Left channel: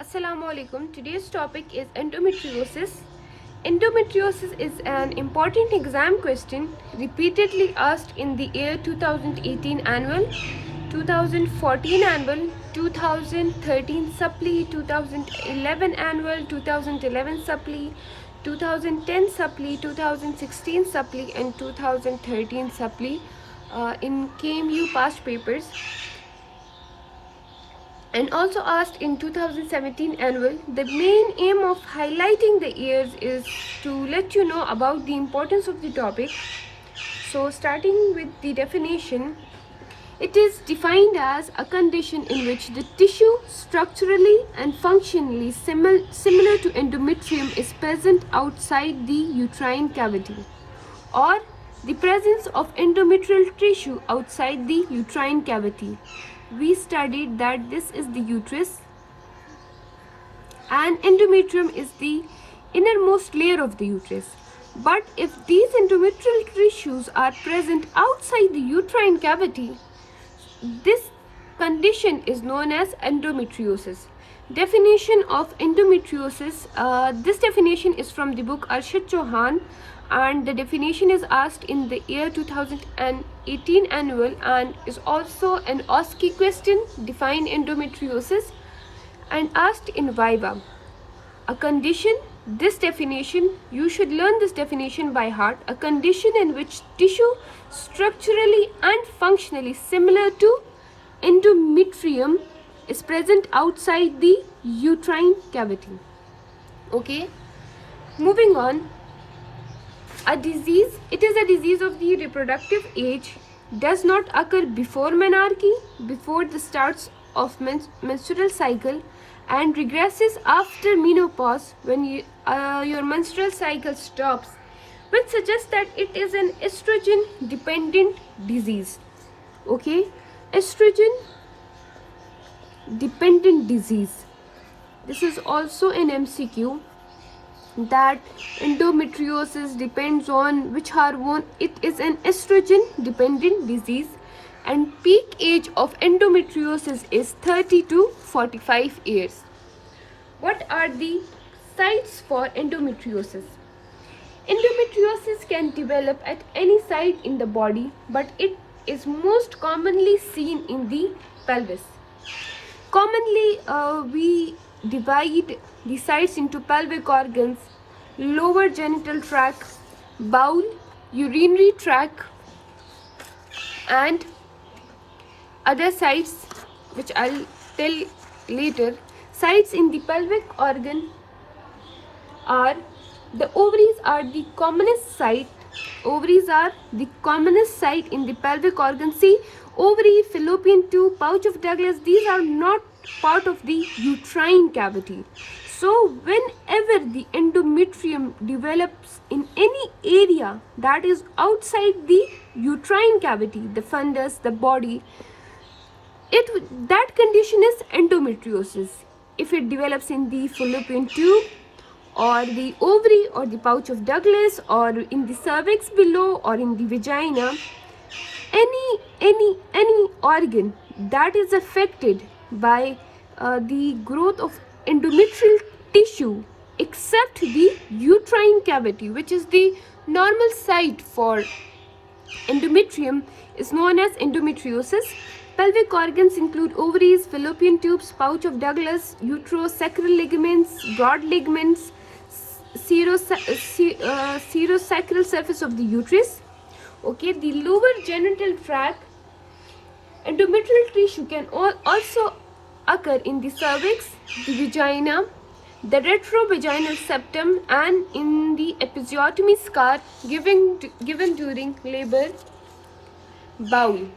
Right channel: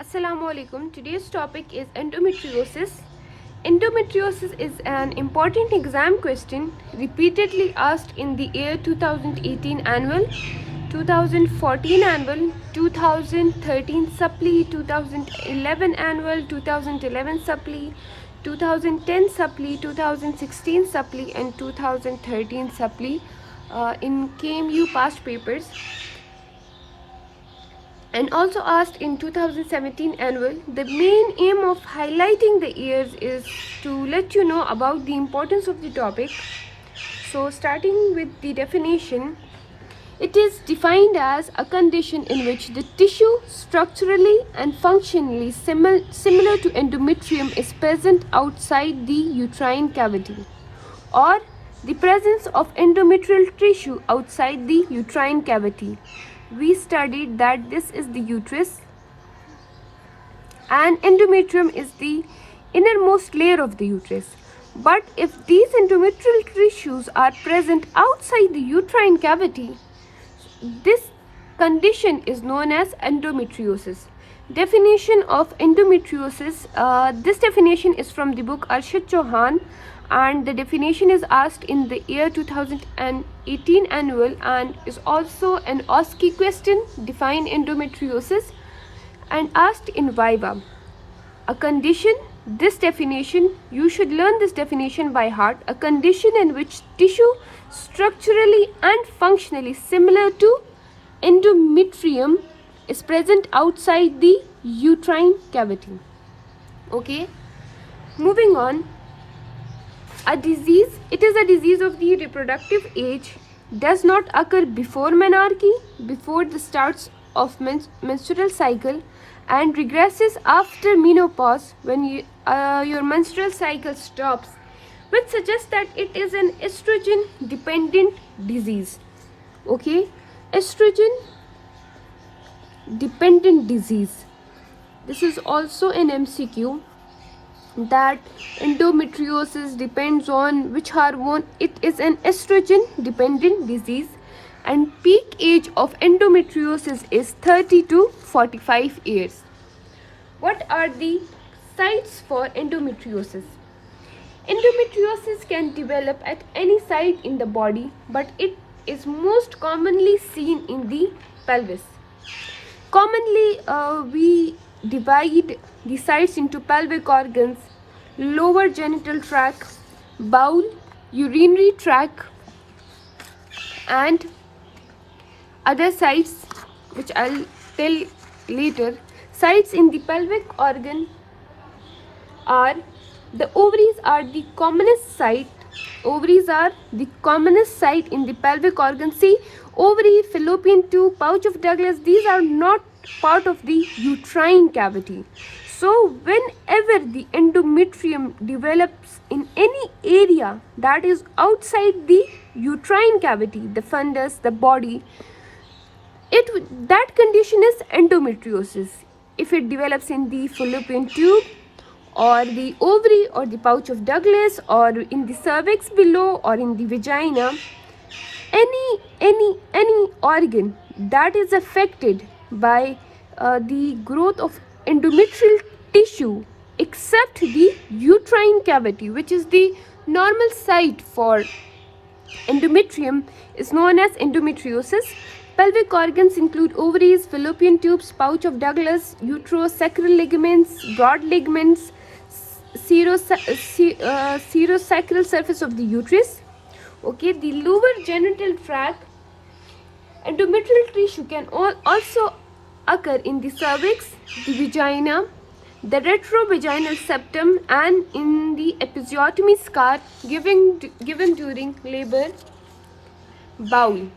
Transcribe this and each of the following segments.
Assalamu alaikum. Today's topic is endometriosis. Endometriosis is an important exam question repeatedly asked in the year 2018 annual, 2014 annual, 2013 supply, 2011 annual, 2011 supply, 2010 supply, 2016 supply and 2013 supply in KMU past papers, and also asked in 2017 annual. The main aim of highlighting the years is to let you know about the importance of the topic. So starting with the definition, it is defined as a condition in which the tissue structurally and functionally similar to endometrium is present outside the uterine cavity, or the presence of endometrial tissue outside the uterine cavity. We studied that this is the uterus and endometrium is the innermost layer of the uterus. But if these endometrial tissues are present outside the uterine cavity, this condition is known as endometriosis. Definition of endometriosis. This definition is from the book Arshad Chauhan, and the definition is asked in the year 2018 annual and is also an OSCE question. Define endometriosis and asked in Viva. A condition, this definition, you should learn this definition by heart. A condition in which tissue structurally and functionally similar to endometrium is present outside the uterine cavity. Okay, moving on. A disease, it is a disease of the reproductive age, does not occur before menarche, before the starts of menstrual cycle, and regresses after menopause when your menstrual cycle stops, which suggests that it is an estrogen dependent disease. Okay, estrogen dependent disease. This is also an MCQ, that endometriosis depends on which hormone. It is an estrogen dependent disease and peak age of endometriosis is 30 to 45 years. What are the signs for endometriosis? Endometriosis can develop at any site in the body, but it is most commonly seen in the pelvis. Commonly, we divide the sites into pelvic organs, lower genital tract, bowel, urinary tract, and other sites which I'll tell later. Sites in the pelvic organ are the ovaries are the commonest site. Ovaries are the commonest site in the pelvic organ. See, ovary, fallopian tube, pouch of Douglas, these are not part of the uterine cavity. So whenever the endometrium develops in any area that is outside the uterine cavity, the fundus, the body, that condition is endometriosis. If it develops in the fallopian tube or the ovary or the pouch of Douglas or in the cervix below or in the vagina, any organ that is affected by the growth of endometrial tissue except the uterine cavity, which is the normal site for endometrium, is known as endometriosis. Pelvic organs include ovaries, fallopian tubes, pouch of Douglas, uterosacral ligaments, broad ligaments, serosacral surface of the uterus. Okay, the lower genital tract. Endometrial tissue can also occur in the cervix, the vagina, the retrovaginal septum, and in the episiotomy scar given during labor. Bowel.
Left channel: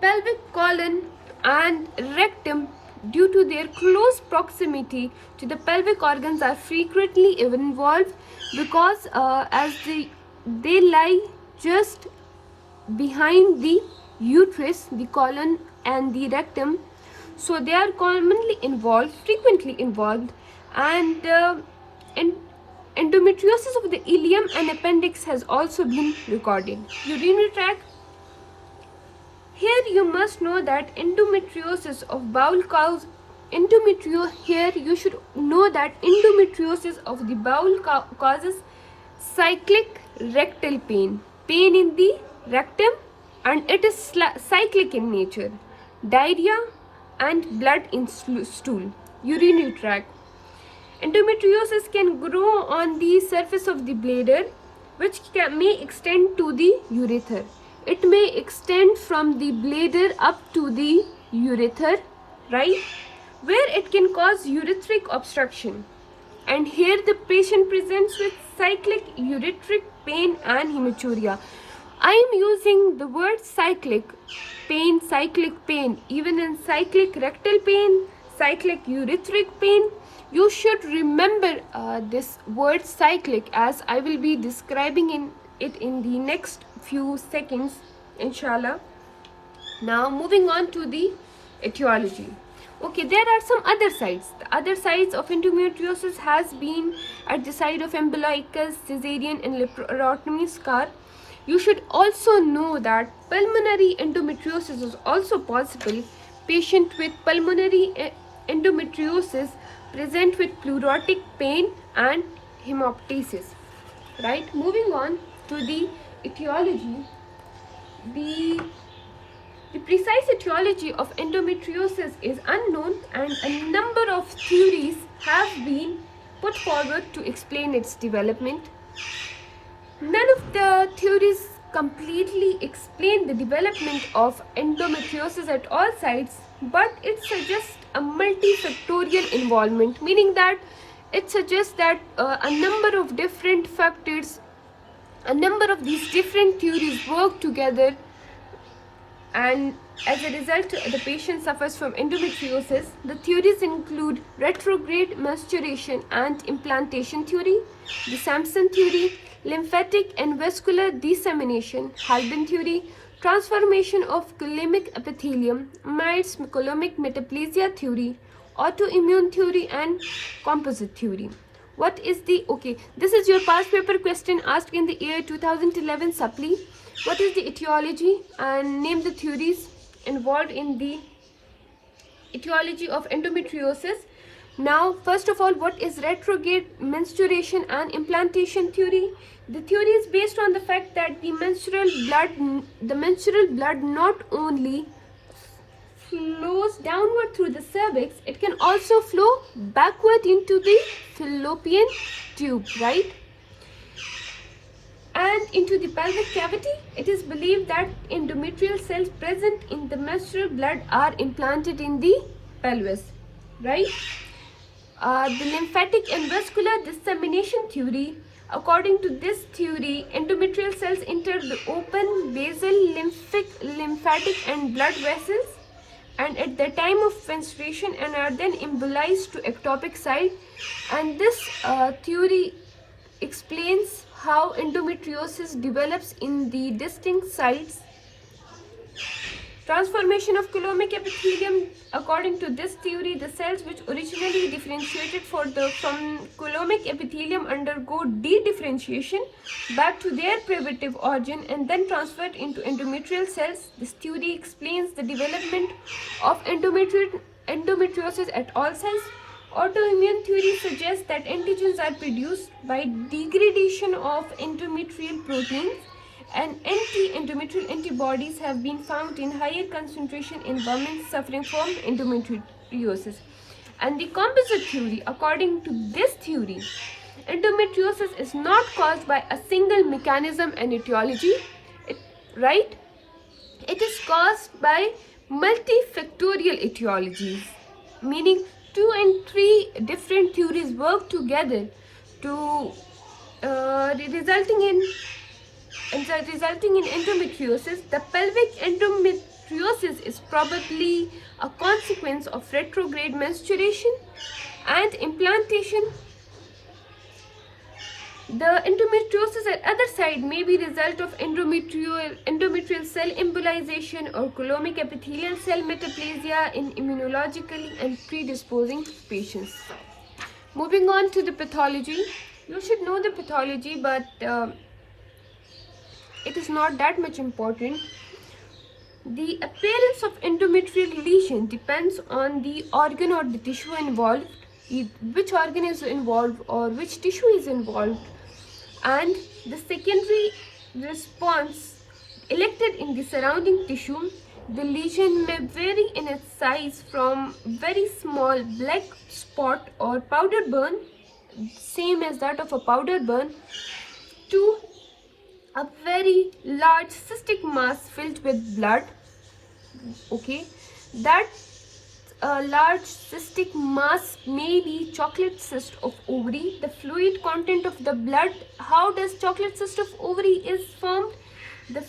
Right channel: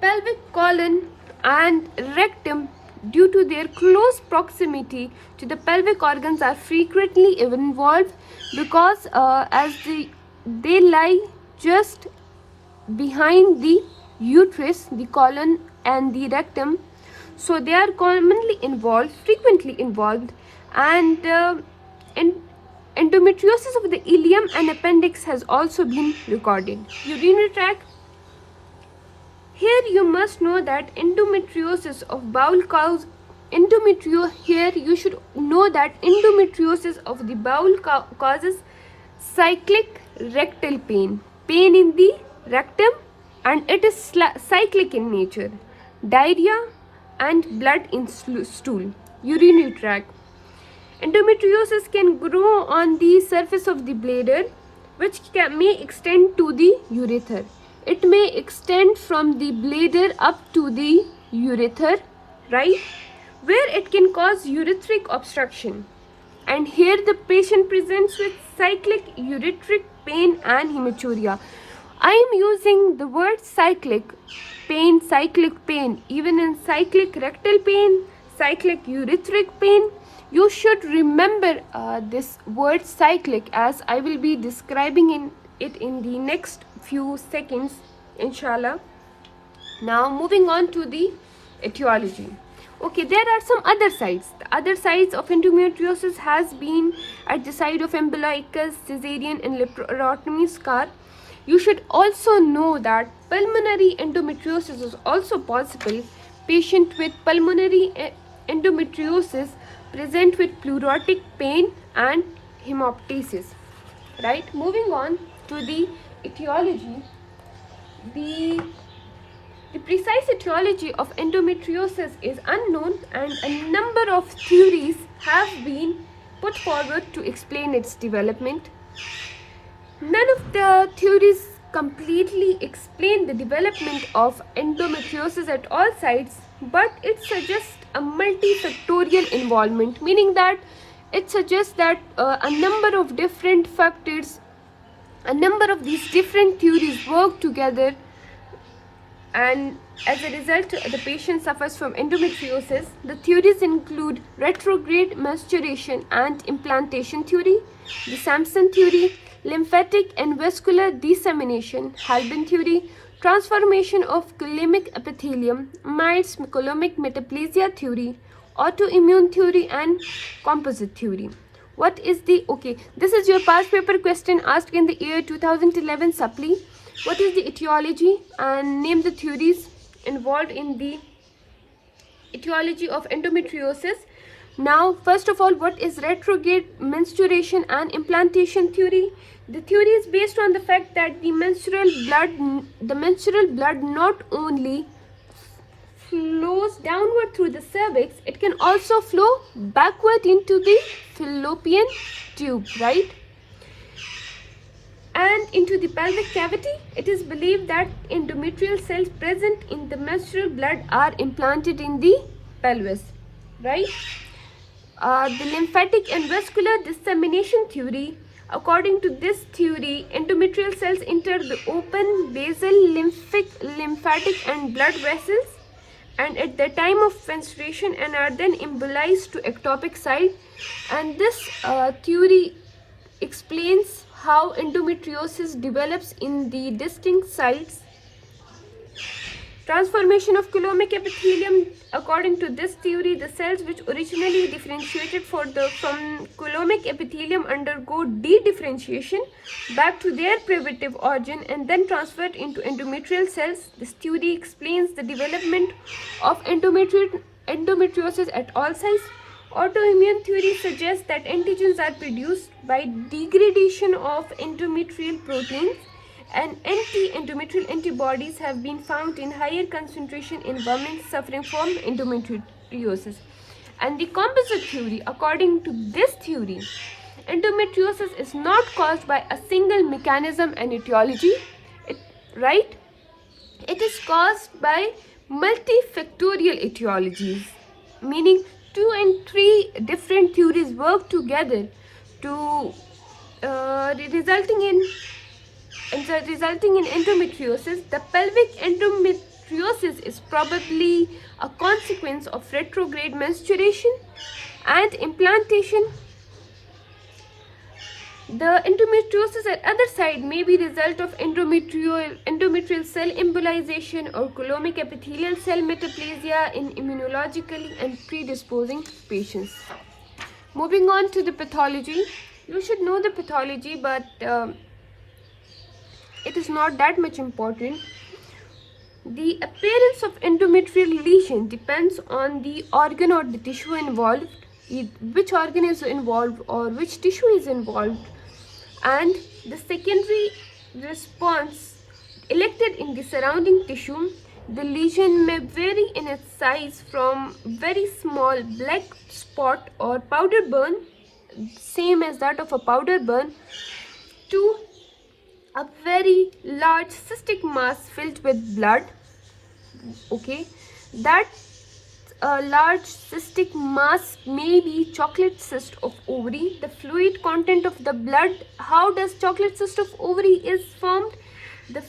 Pelvic colon and rectum, due to their close proximity to the pelvic organs, are frequently involved because as they lie just behind the uterus, the colon and the rectum, so they are frequently involved, and endometriosis of the ileum and appendix has also been recorded. Urinary tract. Here you must know that endometriosis of bowel Here you should know that endometriosis of the bowel causes cyclic rectal pain, pain in the rectum, and it is cyclic in nature, diarrhea and blood in stool, urinary tract. Endometriosis can grow on the surface of the bladder, which may extend to the urethra. It may extend from the bladder up to the urethra, right, where it can cause urethric obstruction. And here the patient presents with cyclic urethric pain and hematuria. I am using the word cyclic pain, even in cyclic rectal pain, cyclic urethric pain. You should remember this word cyclic, as I will be describing it in the next few seconds, inshallah. Now moving on to the etiology. Okay, there are some other sites. The other sites of endometriosis has been at the site of umbilicus, cesarean and laparotomy scar. You should also know that pulmonary endometriosis is also possible. Patient with pulmonary endometriosis present with pleurotic pain and hemoptysis. Right, moving on to the etiology. The precise etiology of endometriosis is unknown, and a number of theories have been put forward to explain its development. None of the theories completely explain the development of endometriosis at all sites, but it suggests a multifactorial involvement, meaning that it suggests that a number of different factors, a number of these different theories work together, and as a result the patient suffers from endometriosis. The theories include retrograde menstruation and implantation theory, the Sampson theory, lymphatic and vascular dissemination, Halbin theory, transformation of coulommic epithelium, Myers coulommic metaplasia theory, autoimmune theory, and composite theory. What is the, okay, this is your past paper question asked in the year 2011 supply. What is the etiology, and name the theories involved in the etiology of endometriosis. Now, first of all, what is retrograde menstruation and implantation theory? The theory is based on the fact that the menstrual blood not only flows downward through the cervix, it can also flow backward into the fallopian tube, right, and into the pelvic cavity. It is believed that endometrial cells present in the menstrual blood are implanted in the pelvis, right? The lymphatic and vascular dissemination theory. According to this theory, endometrial cells enter the open basal lymphatic and blood vessels, and at the time of menstruation, and are then embolized to ectopic site. And this theory explains how endometriosis develops in the distinct sites. Transformation of coulommic epithelium. According to this theory, the cells which originally differentiated from coulommic epithelium undergo de-differentiation back to their primitive origin and then transferred into endometrial cells. This theory explains the development of endometriosis at all sites. Autoimmune theory suggests that antigens are produced by degradation of endometrial proteins, and anti-endometrial antibodies have been found in higher concentration in women suffering from endometriosis. And the composite theory, according to this theory, endometriosis is not caused by a single mechanism and etiology, right? It is caused by multifactorial etiologies, meaning 2 and 3 different theories work together to resulting in endometriosis. The pelvic endometriosis is probably a consequence of retrograde menstruation and implantation. The endometriosis at other side may be result of endometrial cell embolization or coulommic epithelial cell metaplasia in immunologically and predisposing patients. Moving on to the pathology. You should know the pathology, but it is not that much important. The appearance of endometrial lesion depends on the organ or the tissue involved, which organ is involved or which tissue is involved, and the secondary response elected in the surrounding tissue. The lesion may vary in its size from very small black spot or powder burn, same as that of a powder burn, to a very large cystic mass filled with blood. Okay, that large cystic mass may be chocolate cyst of ovary. The fluid content of the blood, how does chocolate cyst of ovary is formed? The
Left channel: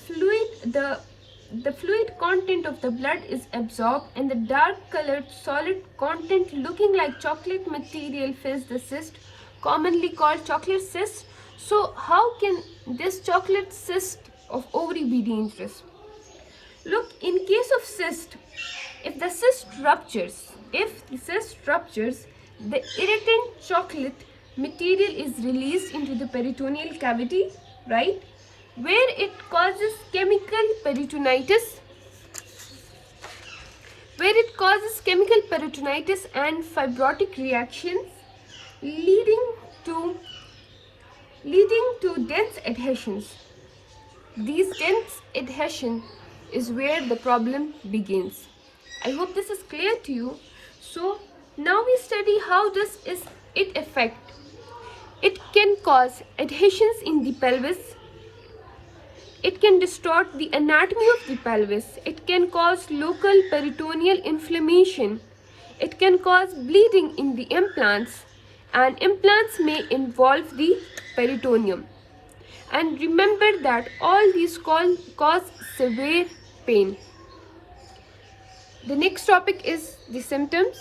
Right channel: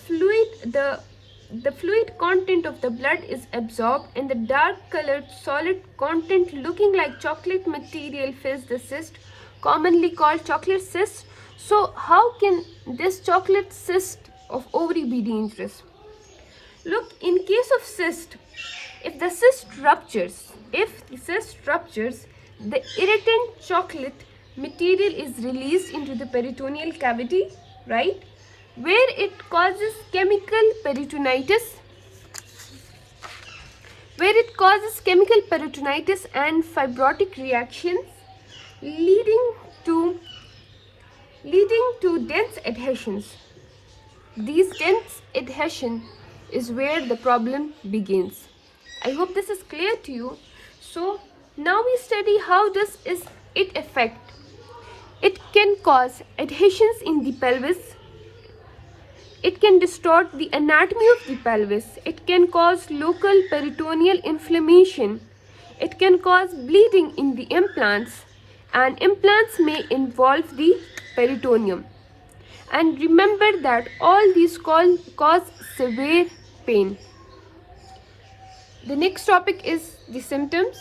fluid content of the blood is absorbed and the dark colored solid content looking like chocolate material fills the cyst, commonly called chocolate cyst. So how can this chocolate cyst of ovary be dangerous? Look, in case of cyst, if the cyst ruptures, the irritant chocolate material is released into the peritoneal cavity, right? Where it causes chemical peritonitis, and fibrotic reactions, leading to dense adhesions. These dense adhesion is where the problem begins. I hope this is clear to you. So now we study how this is it affect. It can cause adhesions in the pelvis. It can distort the anatomy of the pelvis. It can cause local peritoneal inflammation. It can cause bleeding in the implants, and implants may involve the peritoneum. And remember that all these cause severe pain. The next topic is the symptoms.